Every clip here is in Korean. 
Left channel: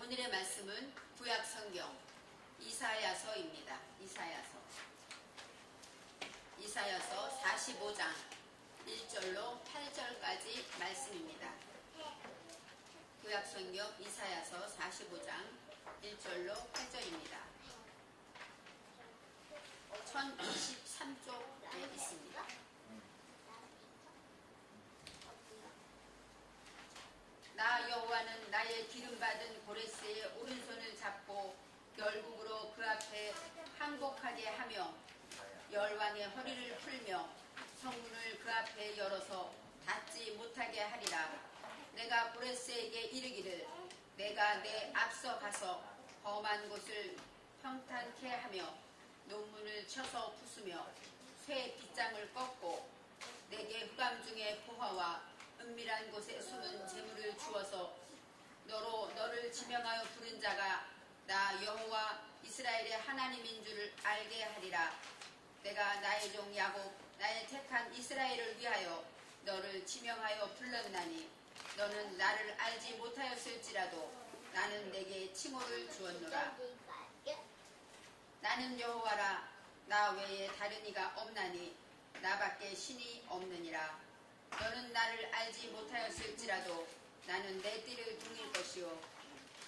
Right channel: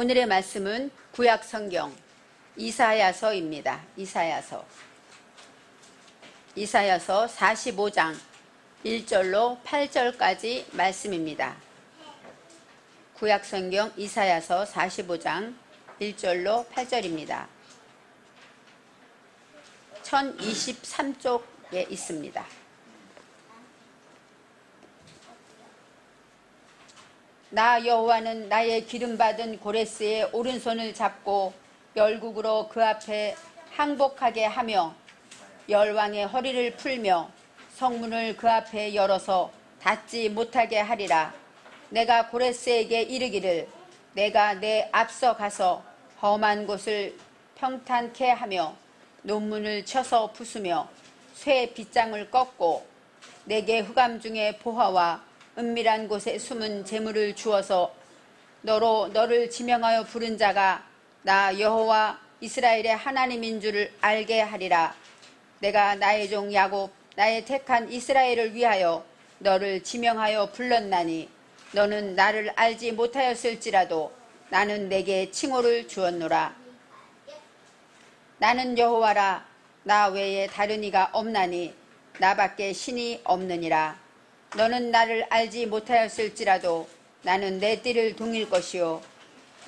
오늘의 말씀은 구약 성경 이사야서입니다. 이사야서 45장 1절로 8절까지 말씀입니다. 구약 성경 이사야서 45장 1절로 8절입니다. 1023쪽에 있습니다. 나 여호와는 나의 기름받은 고레스의 오른손을 잡고 열국으로 그 앞에 항복하게 하며 열왕의 허리를 풀며 성문을 그 앞에 열어서 닫지 못하게 하리라. 내가 고레스에게 이르기를 내가 내 앞서 가서 험한 곳을 평탄케 하며 논문을 쳐서 부수며 쇠 빗장을 꺾고 내게 흑암 중에 보화와 은밀한 곳에 숨은 재물을 주어서 너를 지명하여 부른 자가 나 여호와 이스라엘의 하나님인 줄을 알게 하리라. 내가 나의 종 야곱 나의 택한 이스라엘을 위하여 너를 지명하여 불렀나니 너는 나를 알지 못하였을지라도 나는 내게 칭호를 주었노라. 나는 여호와라. 나 외에 다른 이가 없나니 나밖에 신이 없느니라. 너는 나를 알지 못하였을지라도 나는 내 띠를 동일 것이요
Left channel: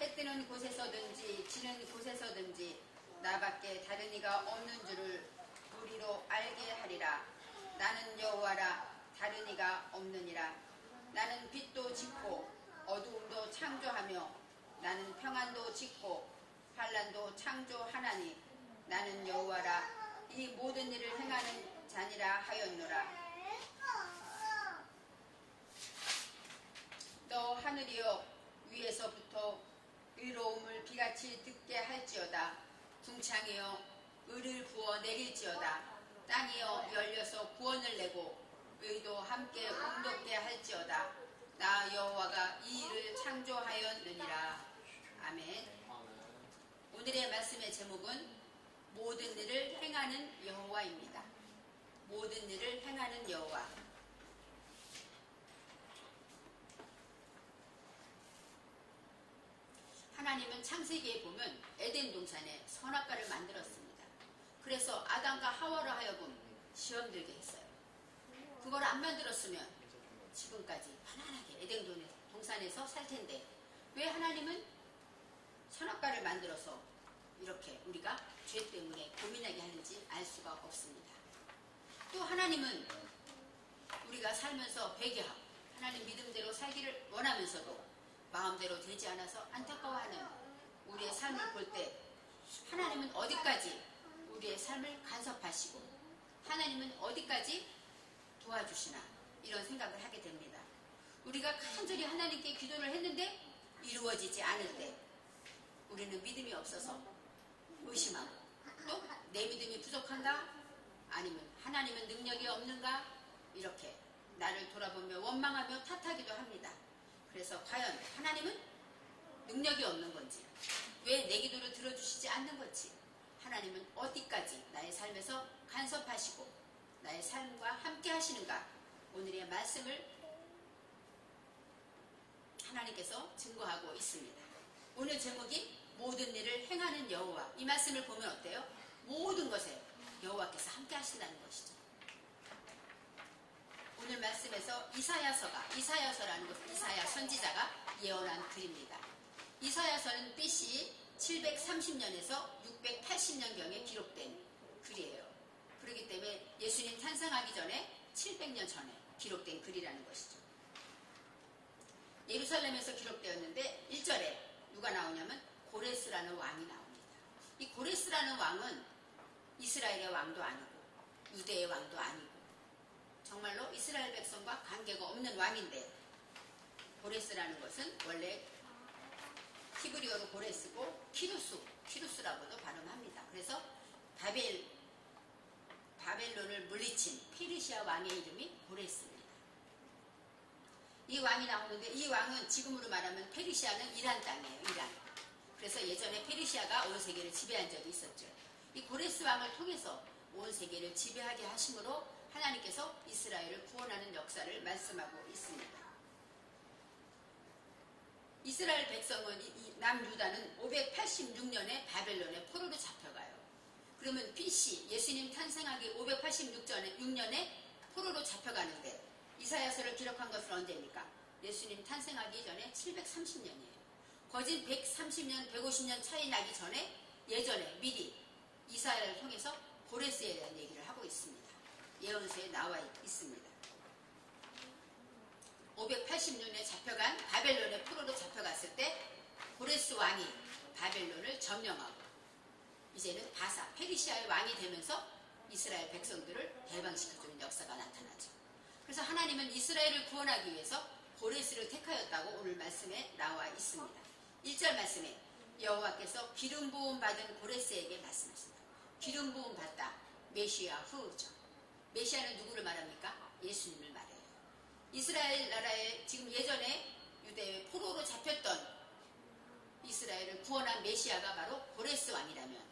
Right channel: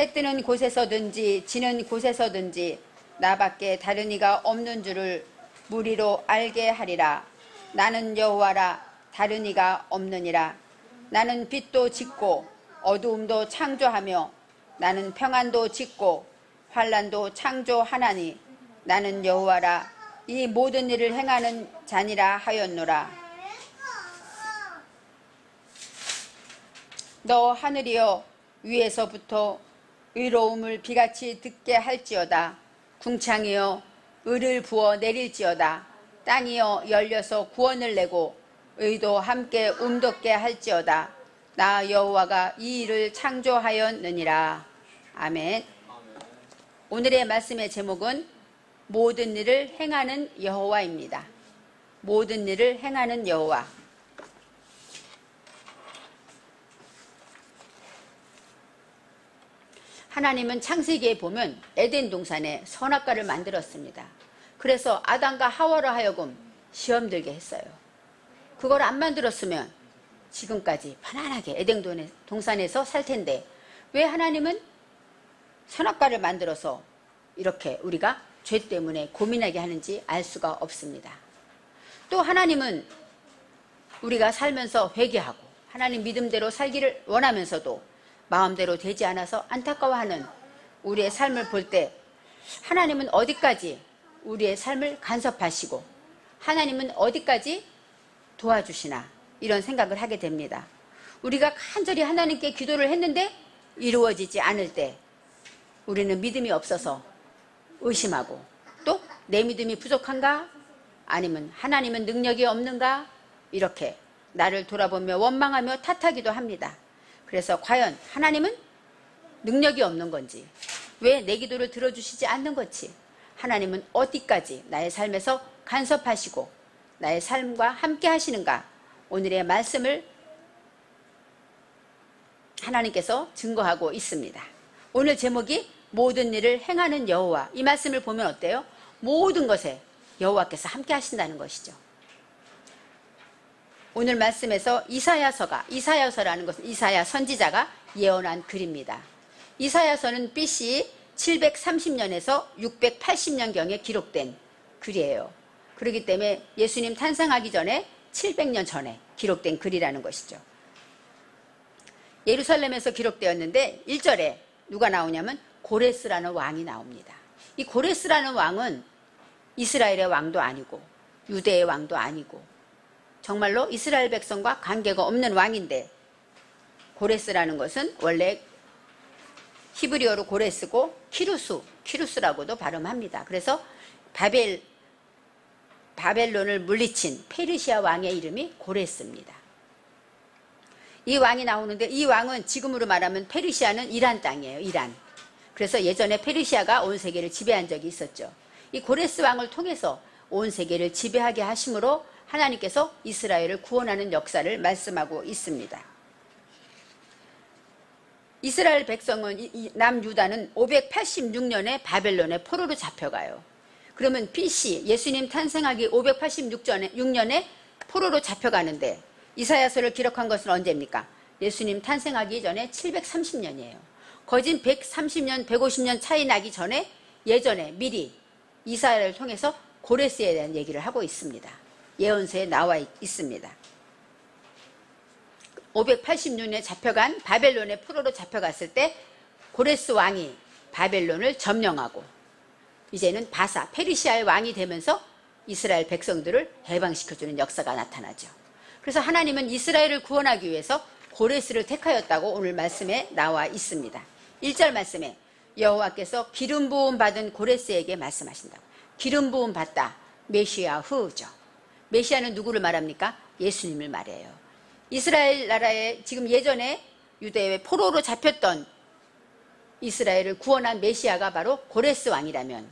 해 뜨는 곳에서든지 지는 곳에서든지 나밖에 다른 이가 없는 줄을 무리로 알게 하리라. 나는 여호와라. 다른 이가 없느니라. 나는 빛도 짓고 어두움도 창조하며 나는 평안도 짓고 환난도 창조하나니 나는 여호와라. 이 모든 일을 행하는 자니라 하였노라. 너 하늘이여 위에서부터 의로움을 비같이 듣게 할지어다. 궁창이여 의를 부어 내릴지어다. 땅이여 열려서 구원을 내고 의도 함께 움돋게 할지어다. 나 여호와가 이 일을 창조하였느니라. 아멘. 오늘의 말씀의 제목은 모든 일을 행하는 여호와입니다. 모든 일을 행하는 여호와. 하나님은 창세기에 보면 에덴 동산에 선악과를 만들었습니다. 그래서 아담과 하와로 하여금 시험 들게 했어요. 그걸 안 만들었으면 지금까지 편안하게 에덴 동산에서 살 텐데 왜 하나님은 선악과를 만들어서 이렇게 우리가 죄 때문에 고민하게 하는지 알 수가 없습니다. 또 하나님은 우리가 살면서 회개하고 하나님 믿음대로 살기를 원하면서도 마음대로 되지 않아서 안타까워하는 우리의 삶을 볼 때 하나님은 어디까지 우리의 삶을 간섭하시고 하나님은 어디까지 도와주시나 이런 생각을 하게 됩니다. 우리가 간절히 하나님께 기도를 했는데 이루어지지 않을 때 우리는 믿음이 없어서 의심하고 또 내 믿음이 부족한가? 아니면 하나님은 능력이 없는가? 이렇게 나를 돌아보며 원망하며 탓하기도 합니다. 그래서 과연 하나님은 능력이 없는 건지 왜 내 기도를 들어주시지 않는 건지 하나님은 어디까지 나의 삶에서 간섭하시고 나의 삶과 함께 하시는가 오늘의 말씀을 하나님께서 증거하고 있습니다. 오늘 제목이 모든 일을 행하는 여호와. 이 말씀을 보면 어때요? 모든 것에 여호와께서 함께 하신다는 것이죠. 오늘 말씀에서 이사야서라는 것은 이사야 선지자가 예언한 글입니다. 이사야서는 BC 730년에서 680년경에 기록된 글이에요. 그렇기 때문에 예수님 탄생하기 전에 700년 전에 기록된 글이라는 것이죠. 예루살렘에서 기록되었는데 1절에 누가 나오냐면 고레스라는 왕이 나옵니다. 이 고레스라는 왕은 이스라엘의 왕도 아니고 유대의 왕도 아니고 정말로 이스라엘 백성과 관계가 없는 왕인데 고레스라는 것은 원래 히브리어로 고레스고 키루스라고도 발음합니다. 그래서 바벨론을 물리친 페르시아 왕의 이름이 고레스입니다. 이 왕이 나오는데 이 왕은 지금으로 말하면 페르시아는 이란 땅이에요. 이란. 그래서 예전에 페르시아가 온 세계를 지배한 적이 있었죠. 이 고레스 왕을 통해서 온 세계를 지배하게 하심으로 하나님께서 이스라엘을 구원하는 역사를 말씀하고 있습니다. 이스라엘 백성은 남유다는 586년에 바벨론의 포로로 잡혀가요. 그러면 BC 예수님 탄생하기 586년에 포로로 잡혀가는데 이사야서를 기록한 것은 언제입니까? 예수님 탄생하기 전에 730년이에요. 거진 130년, 150년 차이 나기 전에 예전에 미리 이사야를 통해서 고레스에 대한 얘기를 하고 있습니다. 예언서에 나와 있습니다. 586년에 잡혀간 바벨론의 포로로 잡혀갔을 때 고레스 왕이 바벨론을 점령하고 이제는 바사, 페르시아의 왕이 되면서 이스라엘 백성들을 해방시켜주는 역사가 나타나죠. 그래서 하나님은 이스라엘을 구원하기 위해서 고레스를 택하였다고 오늘 말씀에 나와 있습니다. 1절 말씀에 여호와께서 기름 부음 받은 고레스에게 말씀하신다. 기름 부음 받다. 메시아후죠. 메시아는 누구를 말합니까? 예수님을 말해요. 이스라엘 나라에 지금 예전에 유대의 포로로 잡혔던 이스라엘을 구원한 메시아가 바로 고레스 왕이라면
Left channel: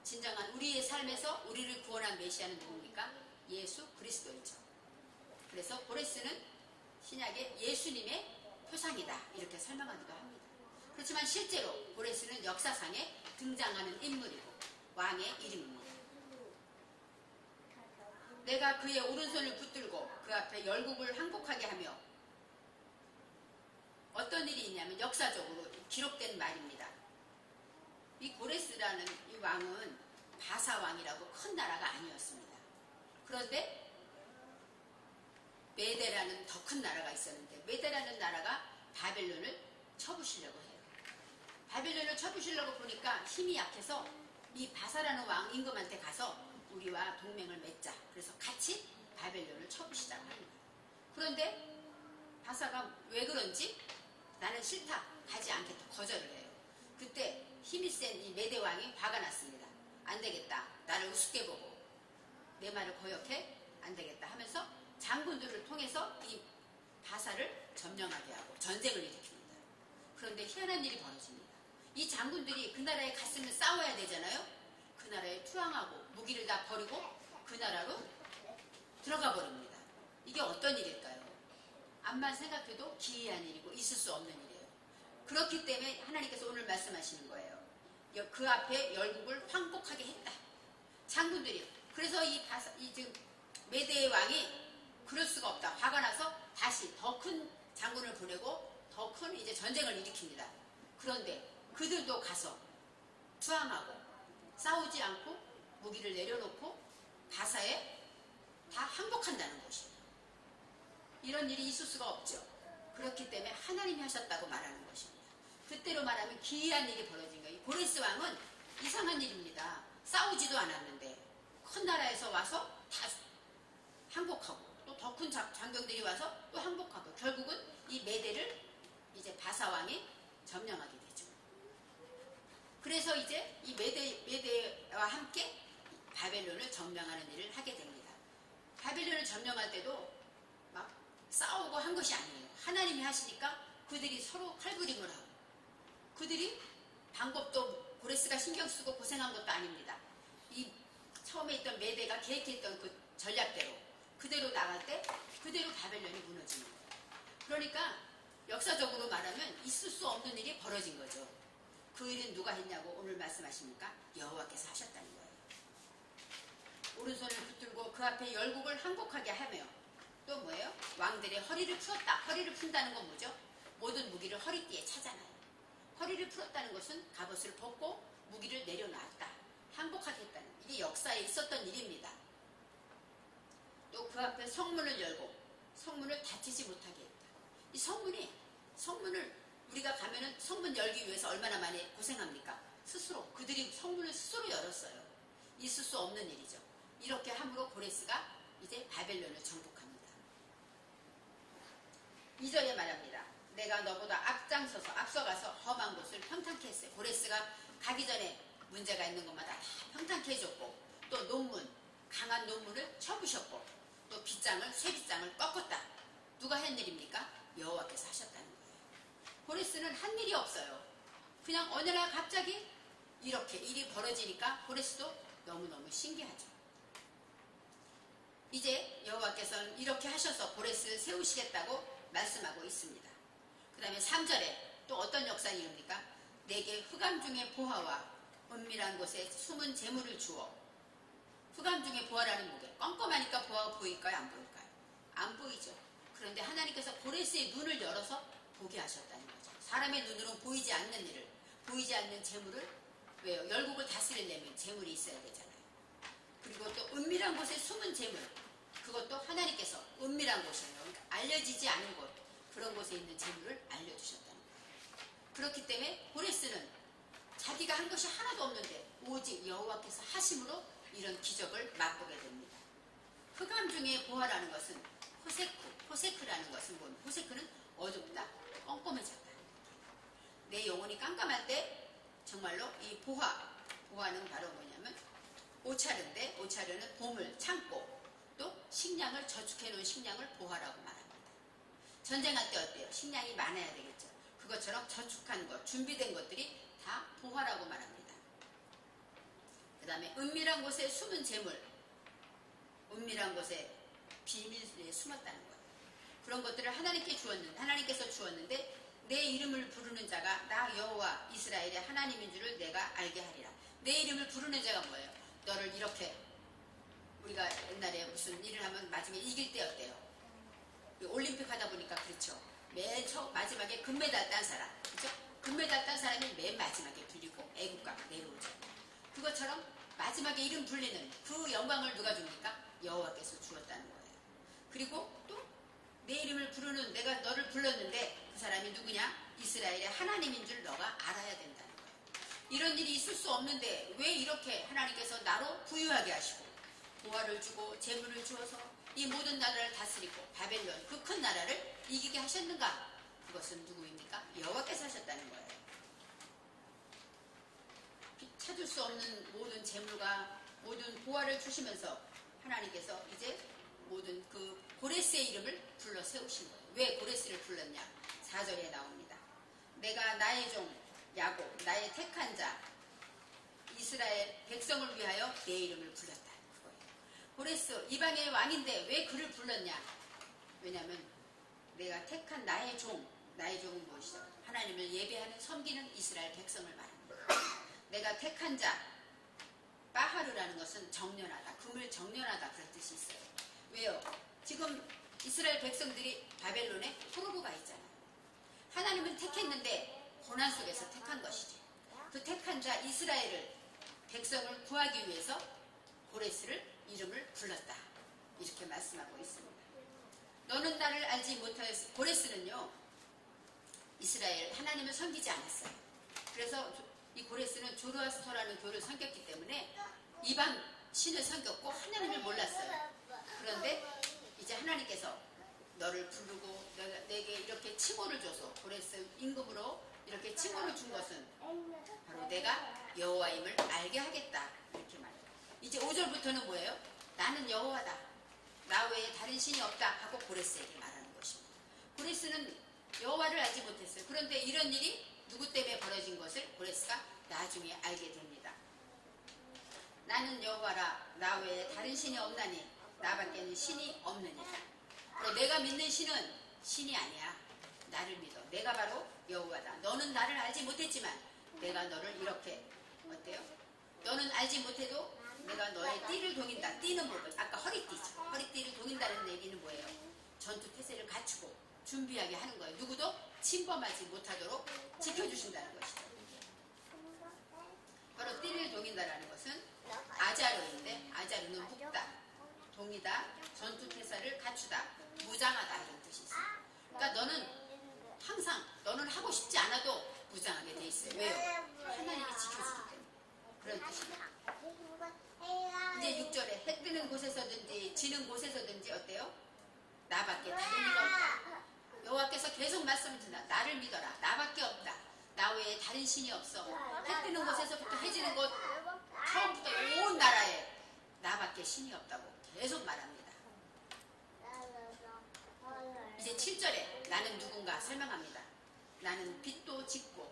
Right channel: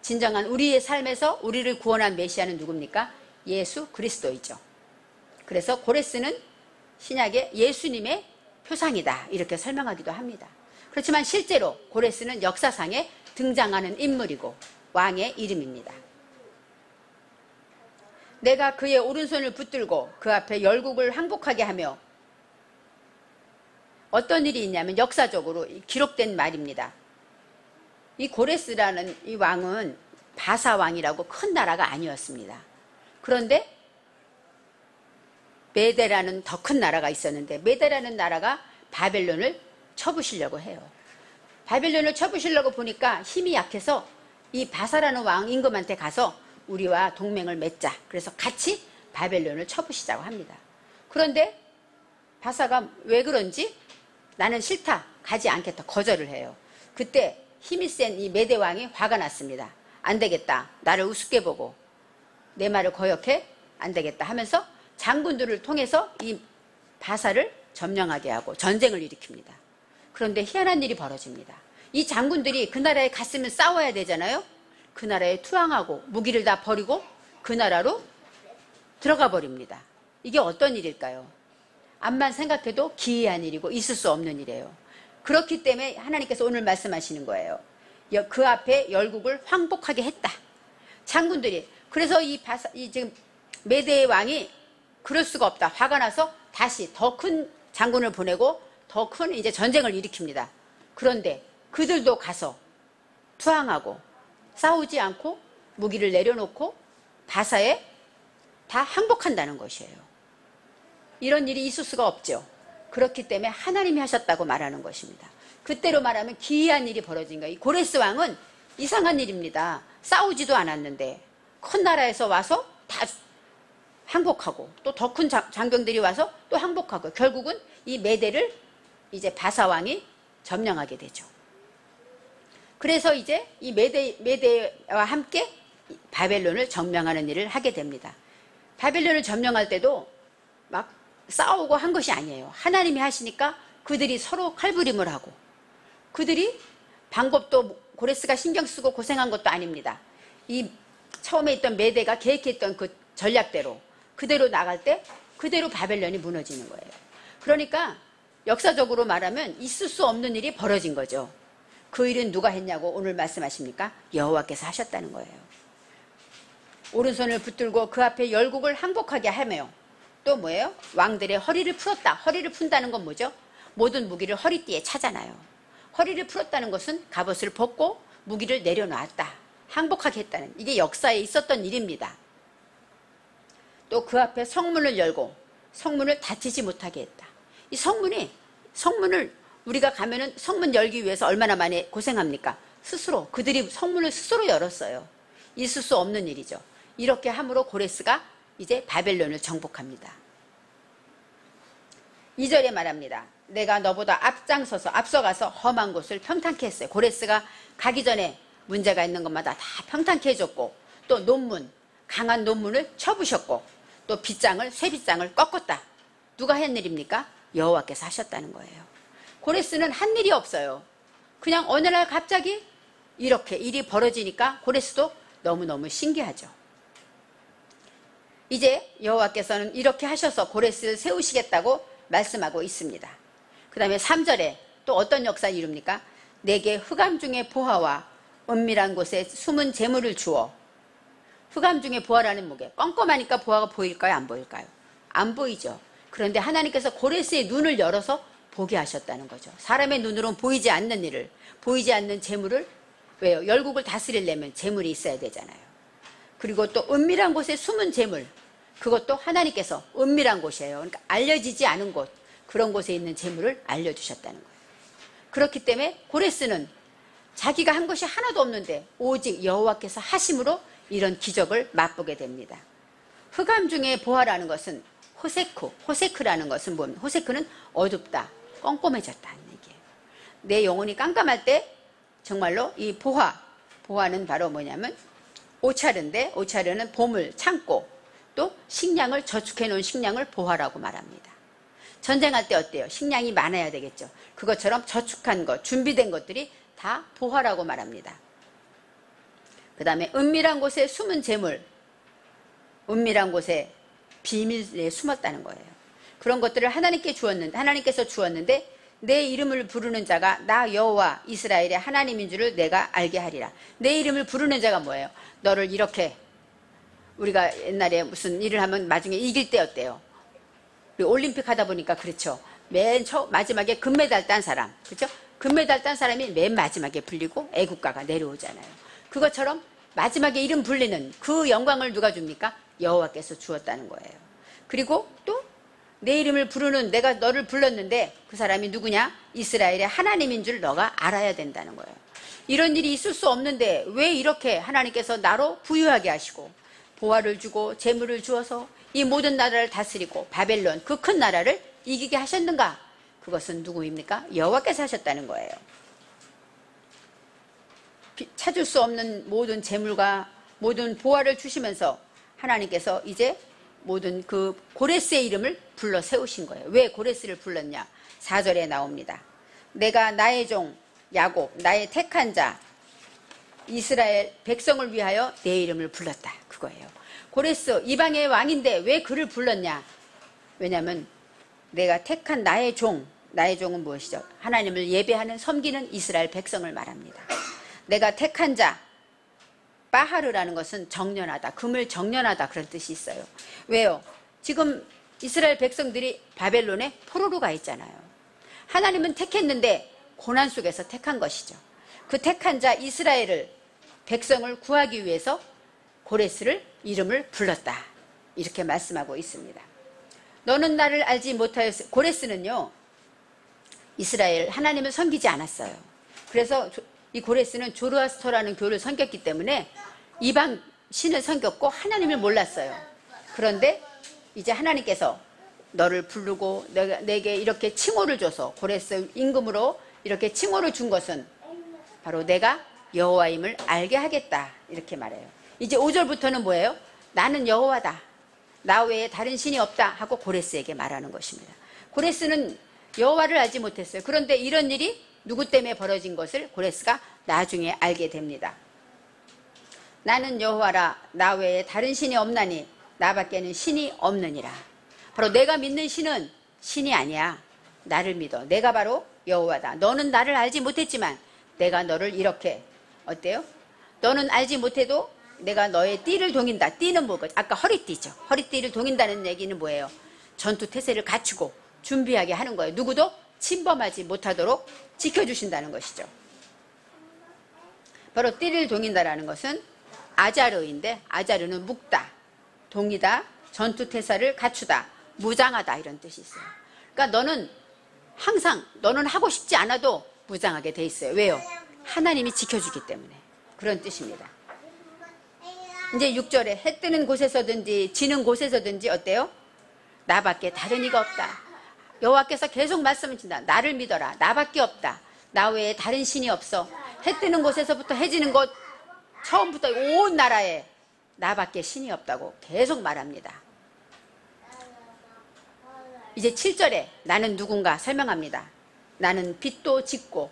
진정한 우리의 삶에서 우리를 구원한 메시아는 누굽니까? 예수 그리스도이죠. 그래서 고레스는 신약의 예수님의 표상이다 이렇게 설명하기도 합니다. 그렇지만 실제로 고레스는 역사상에 등장하는 인물이고 왕의 이름입니다. 내가 그의 오른손을 붙들고 그 앞에 열국을 항복하게 하며 어떤 일이 있냐면 역사적으로 기록된 말입니다. 이 고레스라는 이 왕은 바사 왕이라고 큰 나라가 아니었습니다. 그런데 메대라는 더 큰 나라가 있었는데 메대라는 나라가 바벨론을 쳐부시려고 해요. 바벨론을 쳐부시려고 보니까 힘이 약해서 이 바사라는 왕 임금한테 가서 우리와 동맹을 맺자. 그래서 같이 바벨론을 쳐부시자고 합니다. 그런데 바사가 왜 그런지 나는 싫다. 가지 않겠다. 거절을 해요. 그때 힘이 센 이 메대 왕이 화가 났습니다. 안 되겠다. 나를 우습게 보고 내 말을 거역해? 안 되겠다 하면서 장군들을 통해서 이 바사를 점령하게 하고 전쟁을 일으킵니다. 그런데 희한한 일이 벌어집니다. 이 장군들이 그 나라에 갔으면 싸워야 되잖아요. 그 나라에 투항하고 무기를 다 버리고 그 나라로 들어가 버립니다. 이게 어떤 일일까요? 암만 생각해도 기이한 일이고 있을 수 없는 일이에요. 그렇기 때문에 하나님께서 오늘 말씀하시는 거예요. 그 앞에 열국을 황복하게 했다. 장군들이. 그래서 이 지금 메대의 왕이 그럴 수가 없다. 화가 나서 다시 더 큰 장군을 보내고 더 큰 이제 전쟁을 일으킵니다. 그런데 그들도 가서 투항하고 싸우지 않고 무기를 내려놓고 바사에 다 항복한다는 것이에요. 이런 일이 있을 수가 없죠. 그렇기 때문에 하나님이 하셨다고 말하는 것입니다. 그때로 말하면 기이한 일이 벌어진 거예요. 이 고레스 왕은 이상한 일입니다. 싸우지도 않았는데 큰 나라에서 와서 다 항복하고 또 더 큰 장병들이 와서 또 항복하고 결국은 이 메대를 이제 바사 왕이 점령하게 되죠. 그래서 이제 이 메대와 함께 바벨론을 점령하는 일을 하게 됩니다. 바벨론을 점령할 때도 막 싸우고 한 것이 아니에요. 하나님이 하시니까 그들이 서로 칼부림을 하고 그들이 방법도 고레스가 신경 쓰고 고생한 것도 아닙니다. 이 처음에 있던 메대가 계획했던 그 전략대로 그대로 나갈 때 그대로 바벨론이 무너지는 거예요. 그러니까 역사적으로 말하면 있을 수 없는 일이 벌어진 거죠. 그 일은 누가 했냐고 오늘 말씀하십니까? 여호와께서 하셨다는 거예요. 오른손을 붙들고 그 앞에 열국을 항복하게 하며 또 뭐예요? 왕들의 허리를 풀었다. 허리를 푼다는 건 뭐죠? 모든 무기를 허리띠에 차잖아요. 허리를 풀었다는 것은 갑옷을 벗고 무기를 내려놨다. 항복하게 했다는 이게 역사에 있었던 일입니다. 또 그 앞에 성문을 열고 성문을 닫히지 못하게 했다. 이 성문을 우리가 가면은 성문 열기 위해서 얼마나 많이 고생합니까? 스스로 그들이 성문을 스스로 열었어요. 있을 수 없는 일이죠. 이렇게 함으로 고레스가 이제 바벨론을 정복합니다. 2절에 말합니다. 내가 너보다 앞서가서 험한 곳을 평탄케 했어요. 고레스가 가기 전에 문제가 있는 것마다 다 평탄케 해줬고 또 강한 논문을 쳐부셨고 또 쇠빗장을 꺾었다. 누가 한 일입니까? 여호와께서 하셨다는 거예요. 고레스는 한 일이 없어요. 그냥 어느 날 갑자기 이렇게 일이 벌어지니까 고레스도 너무너무 신기하죠. 이제 여호와께서는 이렇게 하셔서 고레스를 세우시겠다고 말씀하고 있습니다. 그 다음에 3절에 또 어떤 역사를 이룹니까? 내게 흑암 중에 보화와 은밀한 곳에 숨은 재물을 주어. 흑암 중에 보화라는 뭐게? 껌껌하니까 보화가 보일까요? 안 보일까요? 안 보이죠. 그런데 하나님께서 고레스의 눈을 열어서 보게 하셨다는 거죠. 사람의 눈으로는 보이지 않는 일을, 보이지 않는 재물을, 왜요? 열국을 다스리려면 재물이 있어야 되잖아요. 그리고 또 은밀한 곳에 숨은 재물, 그것도 하나님께서 은밀한 곳이에요. 그러니까 알려지지 않은 곳, 그런 곳에 있는 재물을 알려주셨다는 거예요. 그렇기 때문에 고레스는 자기가 한 것이 하나도 없는데 오직 여호와께서 하심으로 이런 기적을 맛보게 됩니다. 흑암 중에 보화라는 것은 호세크라는 것은 뭡니까? 호세크는 어둡다, 껌껌해졌다는 얘기예요. 내 영혼이 깜깜할 때 정말로 이 보화는 바로 뭐냐면 오차르인데, 오차르는 보물, 창고, 또 식량을 저축해 놓은 식량을 보화라고 말합니다. 전쟁할 때 어때요? 식량이 많아야 되겠죠. 그것처럼 저축한 것, 준비된 것들이 다 보화라고 말합니다. 그 다음에 은밀한 곳에 숨은 재물, 은밀한 곳에 비밀에 숨었다는 거예요. 그런 것들을 하나님께서 주었는데 내 이름을 부르는 자가 나 여호와 이스라엘의 하나님인 줄을 내가 알게 하리라. 내 이름을 부르는 자가 뭐예요? 너를 이렇게, 우리가 옛날에 무슨 일을 하면 나중에 이길 때 어때요? 우리 올림픽 하다 보니까 그렇죠. 맨 마지막에 금메달 딴 사람, 그렇죠? 금메달 딴 사람이 맨 마지막에 불리고 애국가가 내려오잖아요. 그것처럼 마지막에 이름 불리는 그 영광을 누가 줍니까? 여호와께서 주었다는 거예요. 그리고 또 내 이름을 부르는, 내가 너를 불렀는데 그 사람이 누구냐? 이스라엘의 하나님인 줄 너가 알아야 된다는 거예요. 이런 일이 있을 수 없는데 왜 이렇게 하나님께서 나로 부유하게 하시고 보화를 주고 재물을 주어서 이 모든 나라를 다스리고 바벨론 그 큰 나라를 이기게 하셨는가? 그것은 누구입니까? 여호와께서 하셨다는 거예요. 찾을 수 없는 모든 재물과 모든 보화를 주시면서 하나님께서 이제 모든 그 고레스의 이름을 불러 세우신 거예요. 왜 고레스를 불렀냐? 4절에 나옵니다. 내가 나의 종 야곱, 나의 택한 자 이스라엘 백성을 위하여 내 이름을 불렀다. 그거예요. 고레스 이방의 왕인데 왜 그를 불렀냐? 왜냐하면 내가 택한 나의 종은 무엇이죠? 하나님을 예배하는 섬기는 이스라엘 백성을 말합니다. 내가 택한 자, 바하르라는 것은 정련하다, 금을 정련하다, 그런 뜻이 있어요. 왜요? 지금 이스라엘 백성들이 바벨론에 포로로 가 있잖아요. 하나님은 택했는데 고난 속에서 택한 것이죠. 그 택한 자 이스라엘을, 백성을 구하기 위해서 고레스를 이름을 불렀다, 이렇게 말씀하고 있습니다. 너는 나를 알지 못하였어. 고레스는요, 이스라엘 하나님을 섬기지 않았어요. 그래서 이 고레스는 조르아스터라는 교를 섬겼기 때문에 이방 신을 섬겼고 하나님을 몰랐어요. 그런데 이제 하나님께서 너를 부르고 내게 이렇게 칭호를 줘서, 고레스 임금으로 이렇게 칭호를 준 것은 바로 내가 여호와임을 알게 하겠다, 이렇게 말해요. 이제 5절부터는 뭐예요? 나는 여호와다, 나 외에 다른 신이 없다 하고 고레스에게 말하는 것입니다. 고레스는 여호와를 알지 못했어요. 그런데 이런 일이 누구 때문에 벌어진 것을 고레스가 나중에 알게 됩니다. 나는 여호와라, 나 외에 다른 신이 없나니 나밖에는 신이 없느니라. 바로 내가 믿는 신은 신이 아니야. 나를 믿어. 내가 바로 여호와다. 너는 나를 알지 못했지만 내가 너를 이렇게, 어때요? 너는 알지 못해도 내가 너의 띠를 동인다. 띠는 뭐고? 아까 허리띠죠. 허리띠를 동인다는 얘기는 뭐예요? 전투 태세를 갖추고 준비하게 하는 거예요. 누구도 침범하지 못하도록 지켜주신다는 것이죠. 바로 띠를 동인다라는 것은 아자르인데, 아자르는 묶다, 동이다, 전투 태세를 갖추다, 무장하다, 이런 뜻이 있어요. 그러니까 너는 항상, 너는 하고 싶지 않아도 무장하게 돼 있어요. 왜요? 하나님이 지켜주기 때문에. 그런 뜻입니다. 이제 6절에 해 뜨는 곳에서든지 지는 곳에서든지 어때요? 나밖에 다른 이가 없다. 여호와께서 계속 말씀을 주신다. 나를 믿어라. 나밖에 없다. 나 외에 다른 신이 없어. 해 뜨는 곳에서부터 해 지는 곳, 처음부터 온 나라에 나밖에 신이 없다고 계속 말합니다. 이제 7절에 나는 누군가 설명합니다. 나는 빛도 짓고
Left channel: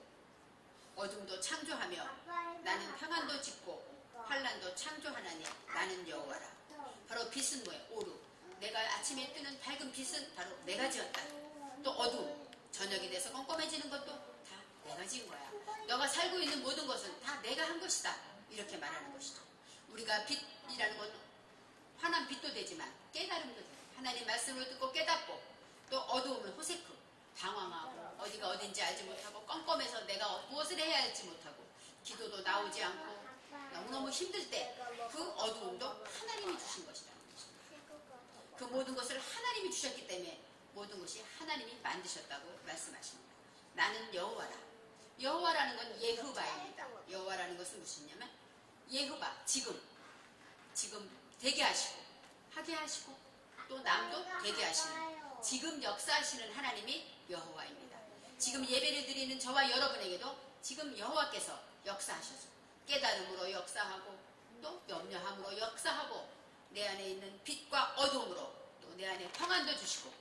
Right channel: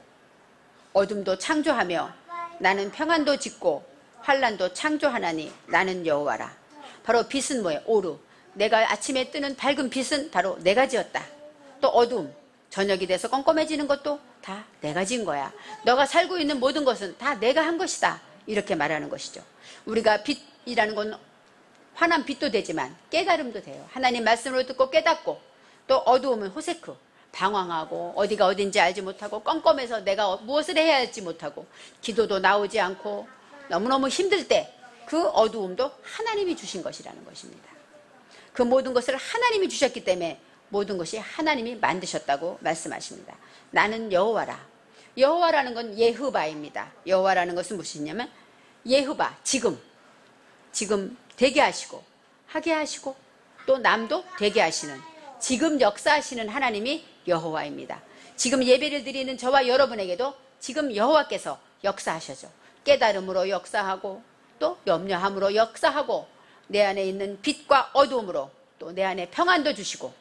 어둠도 창조하며 나는 평안도 짓고 환란도 창조하나니 나는 여호와라. 바로 빛은 뭐예요? 오루. 내가 아침에 뜨는 밝은 빛은 바로 내가 지었다. 또 어둠, 저녁이 돼서 껌껌해지는 것도 다 내가 진 거야. 너가 살고 있는 모든 것은 다 내가 한 것이다. 이렇게 말하는 것이죠. 우리가 빛이라는 건 환한 빛도 되지만 깨달음도 돼요. 하나님 말씀을 듣고 깨닫고, 또 어두우면 호세크, 방황하고 어디가 어딘지 알지 못하고 껌껌해서 내가 무엇을 해야 할지 못하고 기도도 나오지 않고 너무너무 힘들 때 그 어두움도 하나님이 주신 것이라는 것입니다. 그 모든 것을 하나님이 주셨기 때문에 모든 것이 하나님이 만드셨다고 말씀하십니다. 나는 여호와라. 여호와라는 건 예흐바입니다. 여호와라는 것은 무엇이냐면 예흐바, 지금 되게 하시고 하게 하시고 또 남도 되게 하시는, 지금 역사하시는 하나님이 여호와입니다. 지금 예배를 드리는 저와 여러분에게도 지금 여호와께서 역사하셔죠. 깨달음으로 역사하고 또 염려함으로 역사하고 내 안에 있는 빛과 어두움으로 또 내 안에 평안도 주시고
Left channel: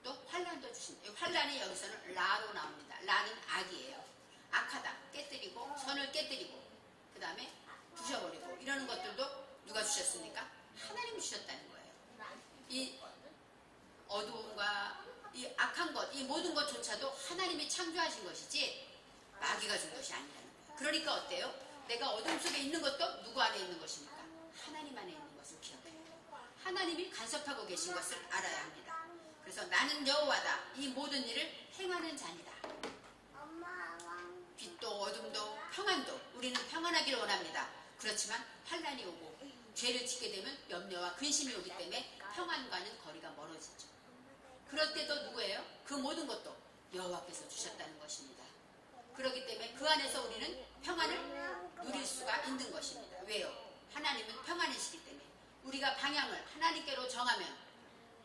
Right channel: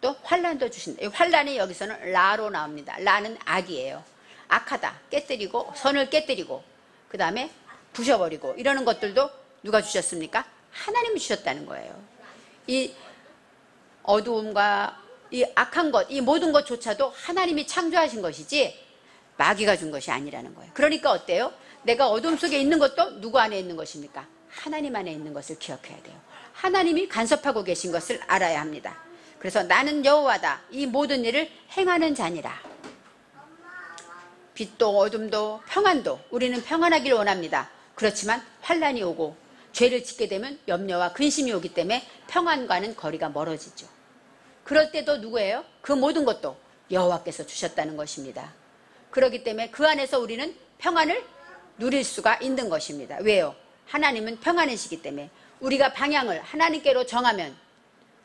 또 환란도 주신다. 환란이 여기서는 라로 나옵니다. 라는 악이에요. 악하다, 깨뜨리고 선을 깨뜨리고 그 다음에 부셔버리고 이러는 것들도 누가 주셨습니까? 하나님이 주셨다는 거예요. 이 어두움과 이 악한 것, 이 모든 것조차도 하나님이 창조하신 것이지 마귀가 준 것이 아니라는 거예요. 그러니까 어때요? 내가 어둠 속에 있는 것도 누구 안에 있는 것입니까? 하나님 안에 있는 것을 기억해야 돼요. 하나님이 간섭하고 계신 것을 알아야 합니다. 그래서 나는 여호와다. 이 모든 일을 행하는 자니라. 빛도 어둠도 평안도 우리는 평안하기를 원합니다. 그렇지만 환란이 오고 죄를 짓게 되면 염려와 근심이 오기 때문에 평안과는 거리가 멀어지죠. 그럴 때도 누구예요? 그 모든 것도 여호와께서 주셨다는 것입니다. 그렇기 때문에 그 안에서 우리는 평안을 누릴 수가 있는 것입니다. 왜요? 하나님은 평안이시기 때문에 우리가 방향을 하나님께로 정하면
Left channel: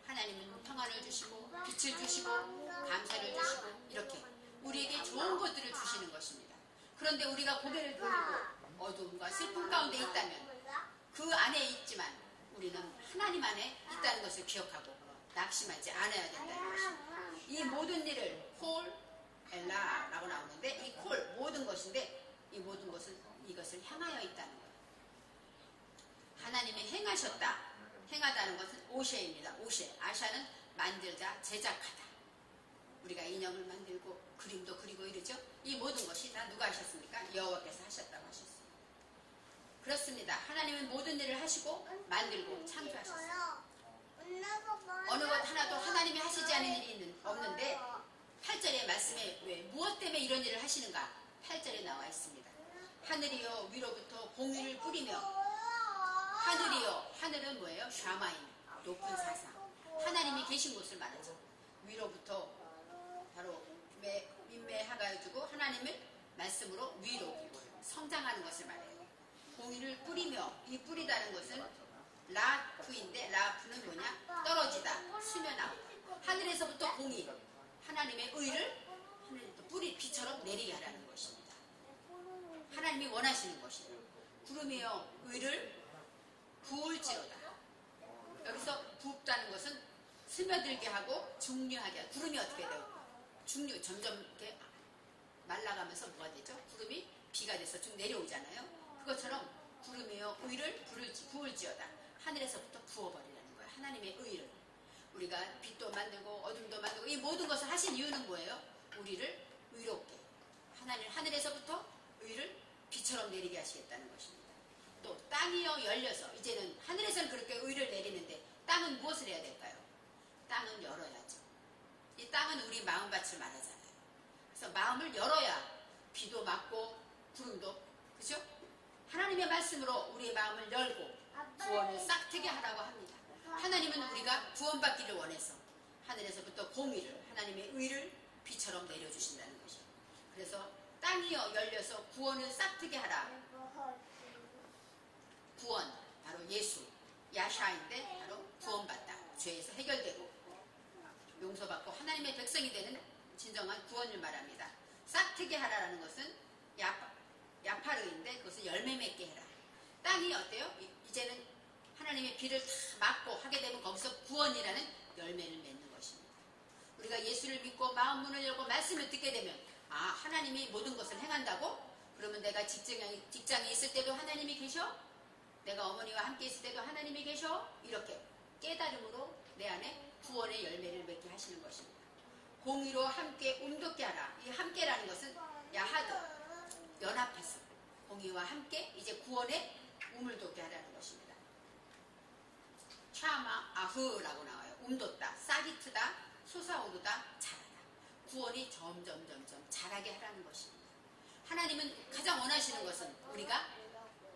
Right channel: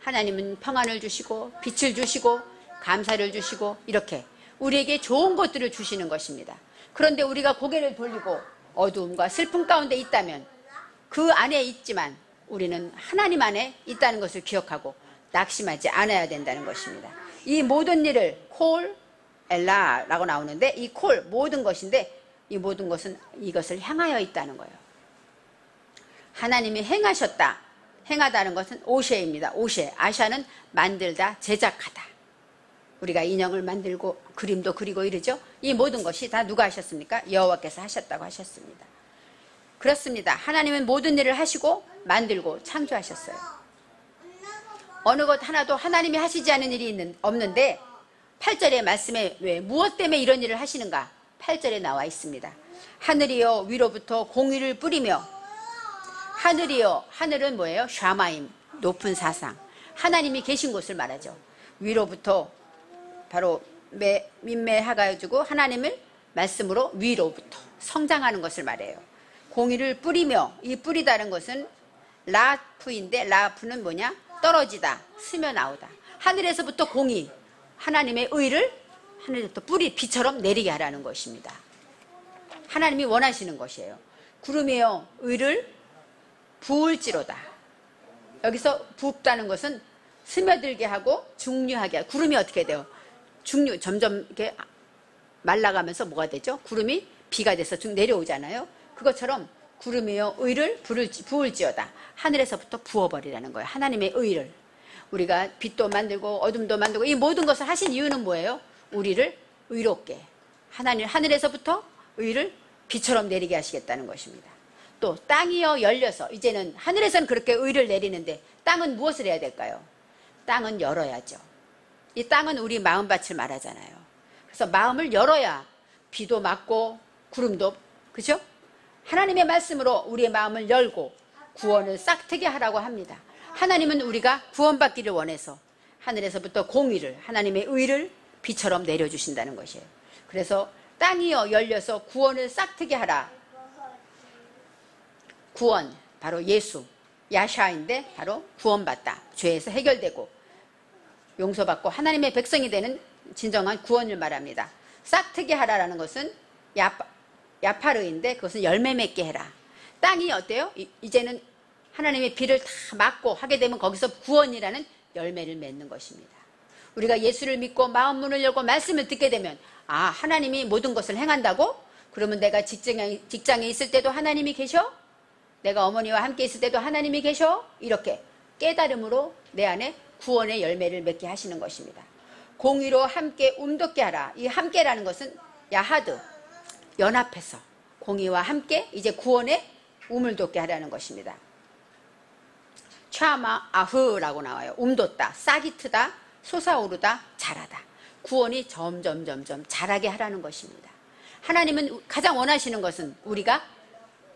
하나님은 평안을 주시고 빛을 주시고 감사를 주시고 이렇게 우리에게 좋은 것들을 주시는 것입니다. 그런데 우리가 고개를 돌리고 어두움과 슬픔 가운데 있다면 그 안에 있지만 우리는 하나님 안에 있다는 것을 기억하고 낙심하지 않아야 된다는 것입니다. 이 모든 일을 콜 엘라라고 나오는데 이 콜 모든 것인데 이 모든 것은 이것을 향하여 있다는 거예요. 하나님이 행하셨다. 행하다는 것은 오셰입니다. 오셰. 아샤는 만들다, 제작하다. 우리가 인형을 만들고 그림도 그리고 이러죠. 이 모든 것이 다 누가 하셨습니까? 여호와께서 하셨다고 하셨습니다. 그렇습니다. 하나님은 모든 일을 하시고 만들고 창조하셨어요. 어느 것 하나도 하나님이 하시지 않은 일이 없는데 8절의 말씀에 왜 무엇 때문에 이런 일을 하시는가? 8절에 나와 있습니다. 하늘이여 위로부터 공의를 뿌리며, 하늘이여, 하늘은 뭐예요? 샤마임, 높은 사상, 하나님이 계신 곳을 말하죠. 위로부터 바로 민매해가지고 하나님을 말씀으로 위로부터 성장하는 것을 말해요. 공의를 뿌리며, 이 뿌리다는 것은 라프인데 라프는 뭐냐? 떨어지다, 스며 나오다. 하늘에서부터 공의, 하나님의 의를 하늘에서부터 뿌리 비처럼 내리게 하라는 것입니다. 하나님이 원하시는 것이에요. 구름이여 의를 부을지로다. 여기서 붓다는 것은 스며들게 하고 중류하게 하고, 구름이 어떻게 돼요? 중류, 점점 이렇게 말라가면서 뭐가 되죠? 구름이 비가 돼서 쭉 내려오잖아요. 그것처럼 구름이여 의를 부을지어다. 하늘에서부터 부어버리라는 거예요. 하나님의 의를. 우리가 빛도 만들고 어둠도 만들고 이 모든 것을 하신 이유는 뭐예요? 우리를 의롭게, 하늘에서부터 의를 비처럼 내리게 하시겠다는 것입니다. 또 땅이여 열려서, 이제는 하늘에서는 그렇게 의를 내리는데 땅은 무엇을 해야 될까요? 땅은 열어야죠. 이 땅은 우리 마음밭을 말하잖아요. 그래서 마음을 열어야 비도 맞고 구름도, 그죠? 하나님의 말씀으로 우리의 마음을 열고 구원을 싹트게 하라고 합니다. 하나님은 우리가 구원받기를 원해서 하늘에서부터 공의를, 하나님의 의를 비처럼 내려주신다는 것이에요. 그래서 땅이여 열려서 구원을 싹트게 하라. 구원, 바로 예수, 야샤인데 바로 구원받다. 죄에서 해결되고 용서받고 하나님의 백성이 되는 진정한 구원을 말합니다. 싹트게 하라라는 것은 야파르인데 그것은 열매 맺게 해라. 땅이 어때요? 이제는 하나님의 비를 다 막고 하게 되면 거기서 구원이라는 열매를 맺는 것입니다. 우리가 예수를 믿고 마음 문을 열고 말씀을 듣게 되면, 아, 하나님이 모든 것을 행한다고? 그러면 내가 직장에 있을 때도 하나님이 계셔? 내가 어머니와 함께 있을 때도 하나님이 계셔? 이렇게 깨달음으로 내 안에 구원의 열매를 맺게 하시는 것입니다. 공의로 함께 움돋게 하라. 이 함께라는 것은 야하드, 연합해서 공의와 함께 이제 구원의 움을 돋게 하라는 것입니다. 차마 아흐라고 나와요. 움돋다, 싹이 트다, 솟아오르다, 자라다. 구원이 점점 자라게 하라는 것입니다. 하나님은 가장 원하시는 것은 우리가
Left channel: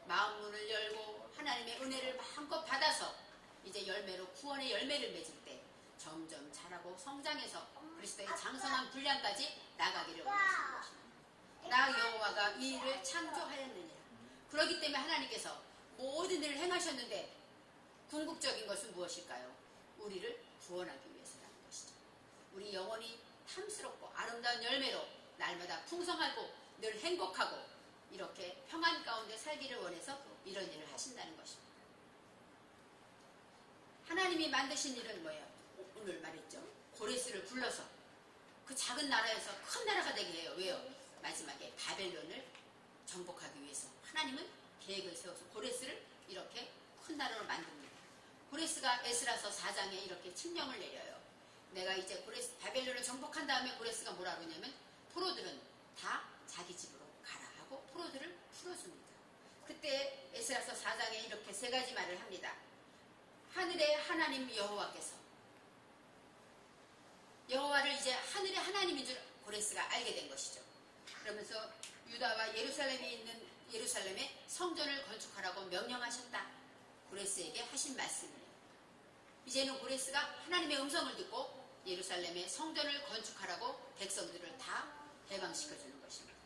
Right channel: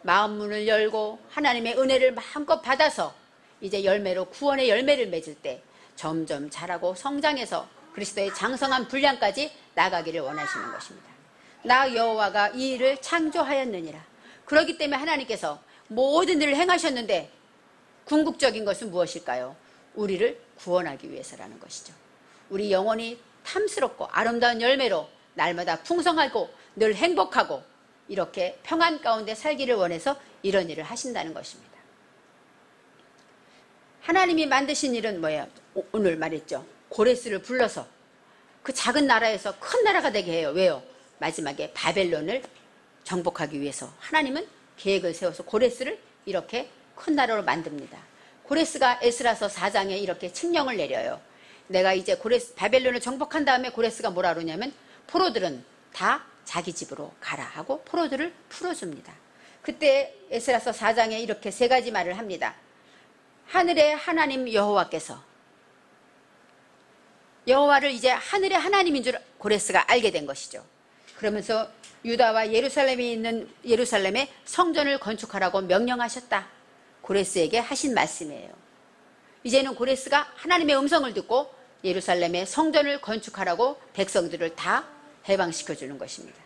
마음 문을 열고 하나님의 은혜를 마음껏 받아서 이제 열매로 구원의 열매를 맺을 때 점점 자라고 성장해서 그리스도의 장성한 분량까지 나가기를 원하시는 것입니다. 나 여호와가 이 일을 창조하였느니라. 그렇기 때문에 하나님께서 모든 일을 행하셨는데 궁극적인 것은 무엇일까요? 우리를 구원하기 위해서라는 것이죠. 우리 영혼이 탐스럽고 아름다운 열매로 날마다 풍성하고 늘 행복하고 이렇게 평안 가운데 살기를 원해서 이런 일을 하신다는 것입니다. 하나님이 만드신 일은 뭐예요? 오늘 말했죠. 고레스를 불러서 그 작은 나라에서 큰 나라가 되게 해요. 왜요? 마지막에 바벨론을 정복하기 위해서 하나님은 계획을 세워서 고레스를 이렇게 큰 나라로 만듭니다. 고레스가 에스라서 4장에 이렇게 칙령을 내려요. 내가 이제 바벨론을 정복한 다음에 고레스가 뭐라 그러냐면 포로들은 다 자기 집으로 가라 하고 포로들을 풀어줍니다. 그때 에스라서 4장에 이렇게 세 가지 말을 합니다. 하늘의 하나님 여호와께서, 여호와를 이제 하늘의 하나님인 줄 고레스가 알게 된 것이죠. 그러면서 유다와 예루살렘에 있는 예루살렘에 성전을 건축하라고 명령하셨다. 고레스에게 하신 말씀이에요. 이제는 고레스가 하나님의 음성을 듣고 예루살렘에 성전을 건축하라고 백성들을 다 해방시켜 주는 것입니다.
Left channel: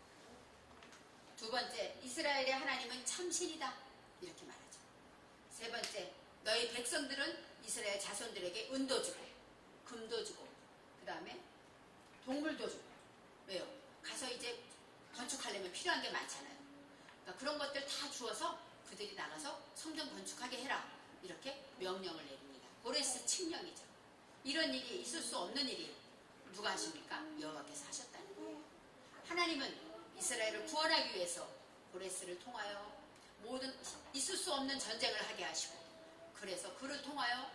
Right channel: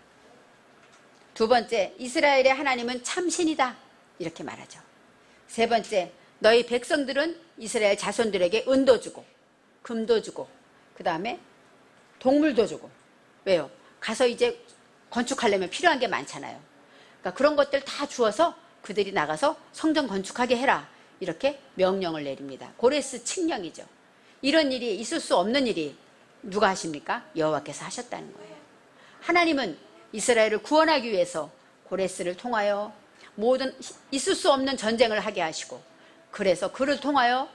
두 번째, 이스라엘의 하나님은 참신이다. 이렇게 말하죠. 세 번째, 너희 백성들은 이스라엘 자손들에게 은도 주고 금도 주고 그 다음에 동물도 주고. 왜요? 가서 이제 건축하려면 필요한 게 많잖아요. 그러니까 그런 것들 다 주어서 그들이 나가서 성전 건축하게 해라. 이렇게 명령을 내립니다. 고레스 칙령이죠. 이런 일이 있을 수 없는 일이 누가 하십니까? 여호와께서 하셨다는 거예요. 하나님은 이스라엘을 구원하기 위해서 고레스를 통하여 모든 있을 수 없는 전쟁을 하게 하시고, 그래서 그를 통하여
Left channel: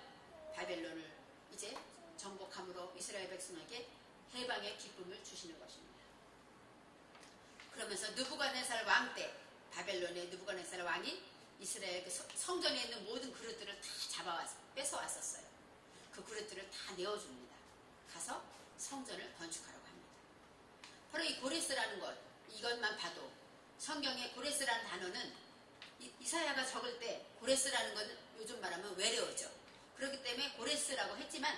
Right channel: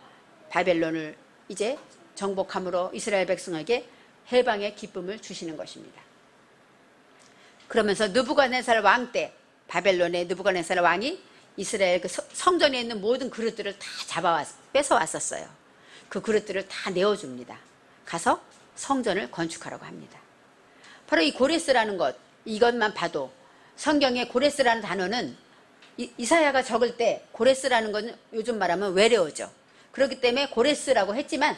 바벨론을 이제 정복함으로 이스라엘 백성에게 해방의 기쁨을 주시는 것입니다. 그러면서 느부갓네살 왕 때 바벨론의 느부갓네살 왕이 이스라엘 그 성전에 있는 모든 그릇들을 다 뺏어왔었어요. 그 그릇들을 다 내어줍니다. 가서 성전을 건축하라고 합니다. 바로 이 고레스라는 것, 이것만 봐도 성경에 고레스라는 단어는 이사야가 적을 때 고레스라는 건 요즘 말하면 외래어죠. 그렇기 때문에 고레스라고 했지만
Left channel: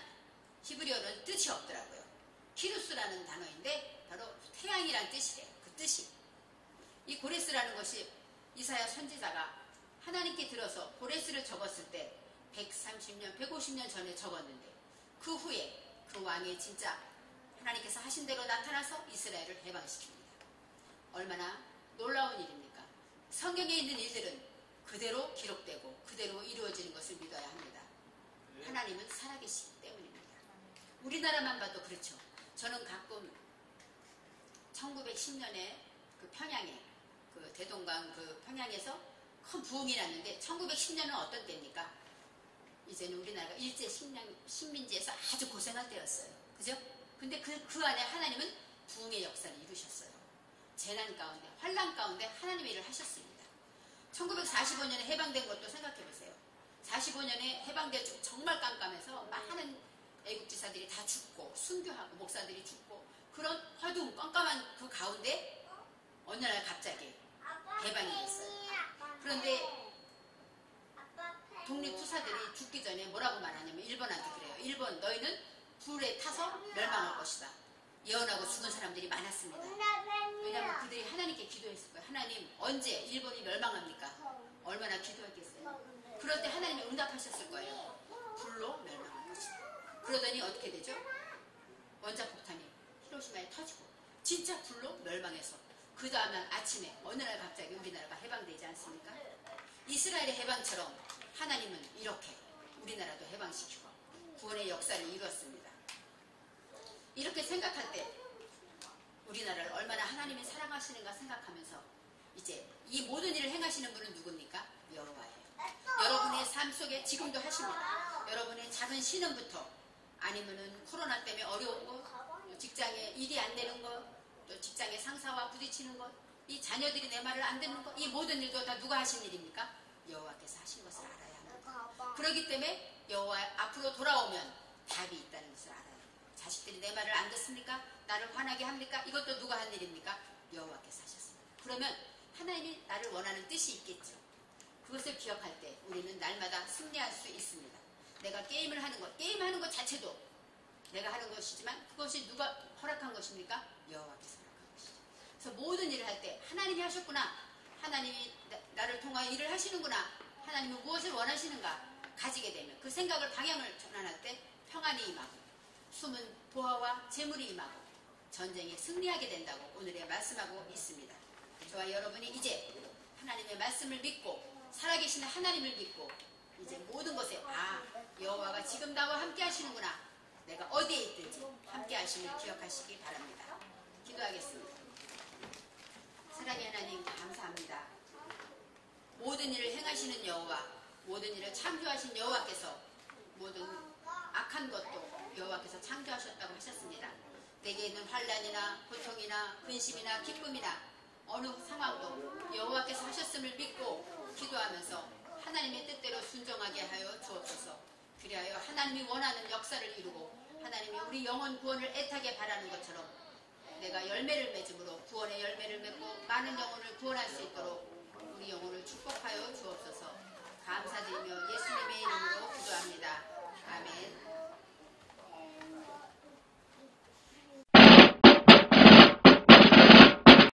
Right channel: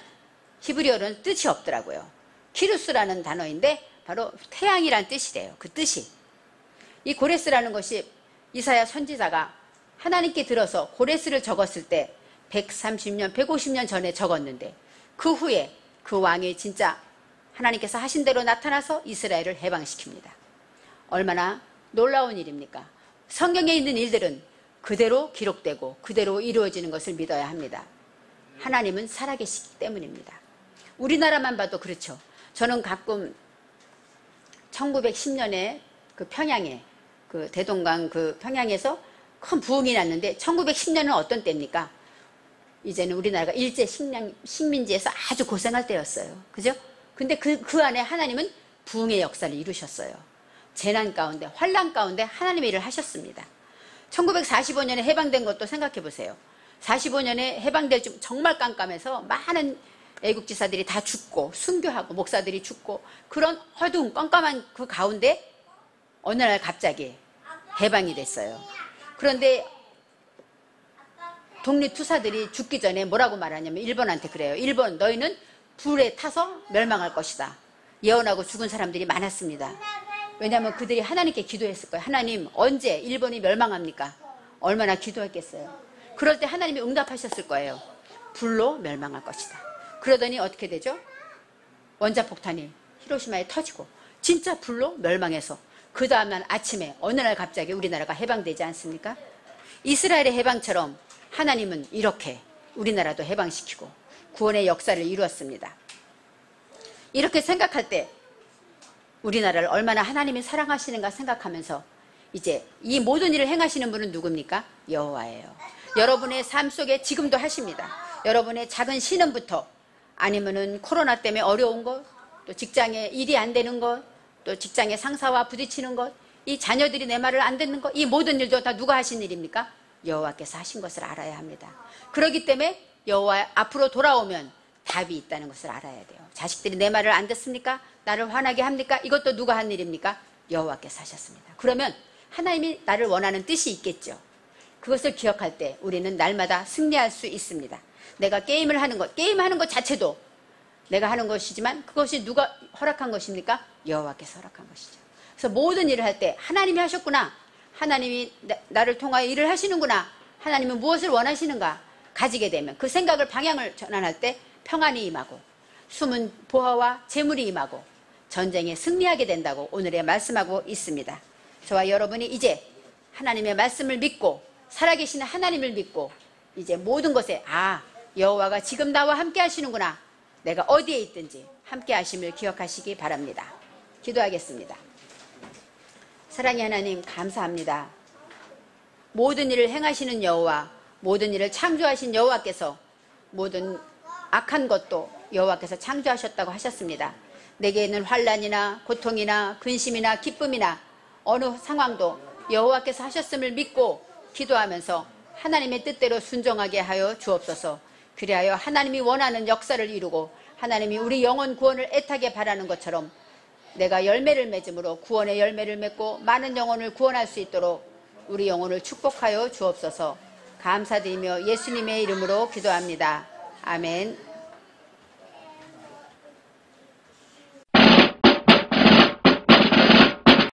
히브리어는 뜻이 없더라고요. 키루스라는 단어인데 바로 태양이란 뜻이래요. 그 뜻이. 이 고레스라는 것이 이사야 선지자가 하나님께 들어서 고레스를 적었을 때 130년, 150년 전에 적었는데 그 후에 그 왕이 진짜 하나님께서 하신 대로 나타나서 이스라엘을 해방시킵니다. 얼마나 놀라운 일입니까? 성경에 있는 일들은 그대로 기록되고 그대로 이루어지는 것을 믿어야 합니다. 하나님은 살아계시기 때문입니다. 우리나라만 봐도 그렇죠. 저는 가끔 1910년에 그 평양에 그 대동강 그 평양에서 큰 부흥이 났는데 1910년은 어떤 때입니까? 이제는 우리나라가 일제 식민지에서 아주 고생할 때였어요. 그죠? 근데 그 안에 하나님은 부흥의 역사를 이루셨어요. 재난 가운데, 환란 가운데 하나님의 일을 하셨습니다. 1945년에 해방된 것도 생각해 보세요. 45년에 해방될 줄 정말 깜깜해서 많은 애국지사들이 다 죽고 순교하고 목사들이 죽고 그런 어두운 깜깜한 그 가운데 어느 날 갑자기 해방이 됐어요. 그런데 독립투사들이 죽기 전에 뭐라고 말하냐면 일본한테 그래요. 일본, 너희는 불에 타서 멸망할 것이다. 예언하고 죽은 사람들이 많았습니다. 왜냐하면 그들이 하나님께 기도했을 거예요. 하나님, 언제 일본이 멸망합니까? 얼마나 기도했겠어요. 그럴 때 하나님이 응답하셨을 거예요. 불로 멸망할 것이다. 그러더니 어떻게 되죠? 원자폭탄이 히로시마에 터지고 진짜 불로 멸망해서 그 다음날 아침에 어느 날 갑자기 우리나라가 해방되지 않습니까? 이스라엘의 해방처럼 하나님은 이렇게 우리나라도 해방시키고 구원의 역사를 이루었습니다. 이렇게 생각할 때 우리나라를 얼마나 하나님이 사랑하시는가 생각하면서 이제 이 모든 일을 행하시는 분은 누굽니까? 여호와예요. 여러분의 삶 속에 지금도 하십니다. 여러분의 작은 신음부터 아니면은 코로나 때문에 어려운 것, 또 직장에 일이 안 되는 것, 또 직장의 상사와 부딪히는 것, 이 자녀들이 내 말을 안 듣는 것, 이 모든 일도 다 누가 하신 일입니까? 여호와께서 하신 것을 알아야 합니다. 그렇기 때문에 여호와 앞으로 돌아오면 답이 있다는 것을 알아야 돼요. 자식들이 내 말을 안 듣습니까? 나를 화나게 합니까? 이것도 누가 한 일입니까? 여호와께서 하셨습니다. 그러면 하나님이 나를 원하는 뜻이 있겠죠. 그것을 기억할 때 우리는 날마다 승리할 수 있습니다. 내가 게임을 하는 것, 게임하는 것 자체도 내가 하는 것이지만 그것이 누가 허락한 것입니까? 여호와께서 허락한 것이죠. 그래서 모든 일을 할 때 하나님이 하셨구나, 하나님이 나를 통하여 일을 하시는구나, 하나님은 무엇을 원하시는가 가지게 되면 그 생각을 방향을 전환할 때 평안이 임하고 숨은 보화와 재물이 임하고 전쟁에 승리하게 된다고 오늘에 말씀하고 있습니다. 저와 여러분이 이제 하나님의 말씀을 믿고 살아계신 하나님을 믿고 이제 모든 것에 여호와가 지금 나와 함께 하시는구나, 내가 어디에 있든지 함께 하심을 기억하시기 바랍니다. 기도하겠습니다. 사랑의 하나님, 감사합니다. 모든 일을 행하시는 여호와, 모든 일을 창조하신 여호와께서 모든 악한 것도 여호와께서 창조하셨다고 하셨습니다. 내게는 환난이나 고통이나 근심이나 기쁨이나 어느 상황도 여호와께서 하셨음을 믿고 기도하면서 하나님의 뜻대로 순종하게 하여 주옵소서. 그리하여 하나님이 원하는 역사를 이루고 하나님이 우리 영혼 구원을 애타게 바라는 것처럼 내가 열매를 맺음으로 구원의 열매를 맺고 많은 영혼을 구원할 수 있도록 우리 영혼을 축복하여 주옵소서. 감사드리며 예수님의 이름으로 기도합니다. 아멘.